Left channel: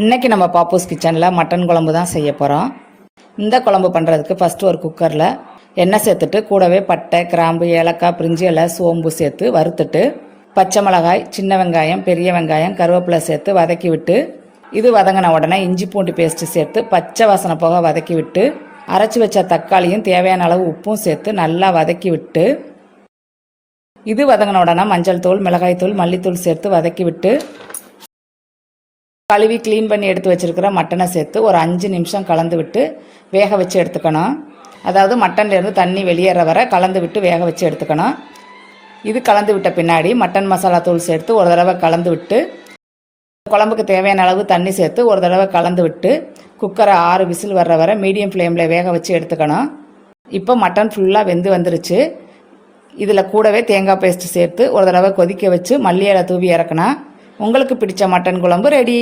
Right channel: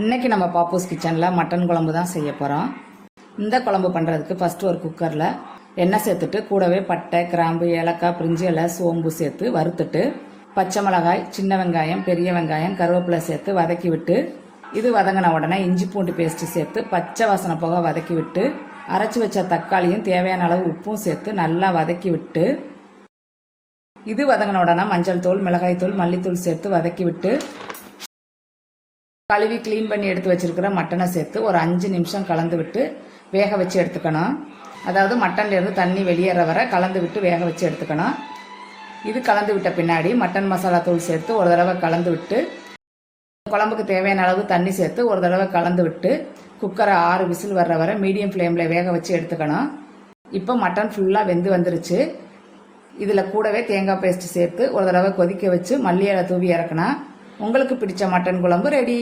இன்றைக்கி நம்ம பாப்பூஸ் கிச்சனில் மட்டன் குழம்பு தான் செய்ய போகிறோம். இந்த குழம்பு பண்ணுறதுக்கு ஃபஸ்ட்டு ஒரு குக்கரில் எண்ணெய் சேர்த்துட்டு கூடவே பட்டை, கிராம்பு, ஏலக்காய், பிரிஞ்சி இலை, சோம்பு சேர்த்து வறுத்துட்டு பச்சை மிளகாய், சின்ன வெங்காயம், பெரிய வெங்காயம், கருவேப்பிலை சேர்த்து வதக்கி விட்டு இது வதங்கின உடனே இஞ்சி பூண்டு பேஸ்ட்டு சேர்த்து பச்சை வாசனை போக வதக்கி விட்டு அரைச்சி வச்ச தக்காளியும் தேவையான அளவு உப்பும் சேர்த்து நல்லா வதக்கி விட்டு இது வதங்கின உடனே மஞ்சள் தூள், மிளகாய் தூள், மல்லித்தூள் சேர்த்து வதக்கி விட்டு கழுவி க்ளீன் பண்ணி எடுத்து வச்சுருக்கிற மட்டனை சேர்த்து ஒரு 5 நிமிஷம் கலந்து விட்டு வேக வச்சு எடுத்துக்கணும். அதாவது மட்டன்லேருந்து தண்ணி வெளியேற வர கலந்து விட்டு வேக வச்சு எடுத்துக்கணும். இது கலந்து விட்ட பின்னாடி மட்டன் மசாலா தூள் சேர்த்து ஒரு தடவை கலந்து விட்டு குழம்புக்கு தேவையான அளவு தண்ணி சேர்த்து ஒரு தடவை கலந்து விட்டு குக்கரை 6 விசில் வர்ற வர மீடியம் ஃப்ளேமில் வேக வச்சு எடுத்துக்கணும். இப்போ மட்டன் ஃபுல்லாக வெந்து வந்துருச்சு. இதில் கூடவே தேங்காய் பேஸ்ட்டு சேர்த்து ஒரு தடவை கொதிக்க வச்சு மல்லி இலை தூவி இறக்குனா உங்களுக்கு பிடிச்ச மட்டன் குழம்பு ரெடி.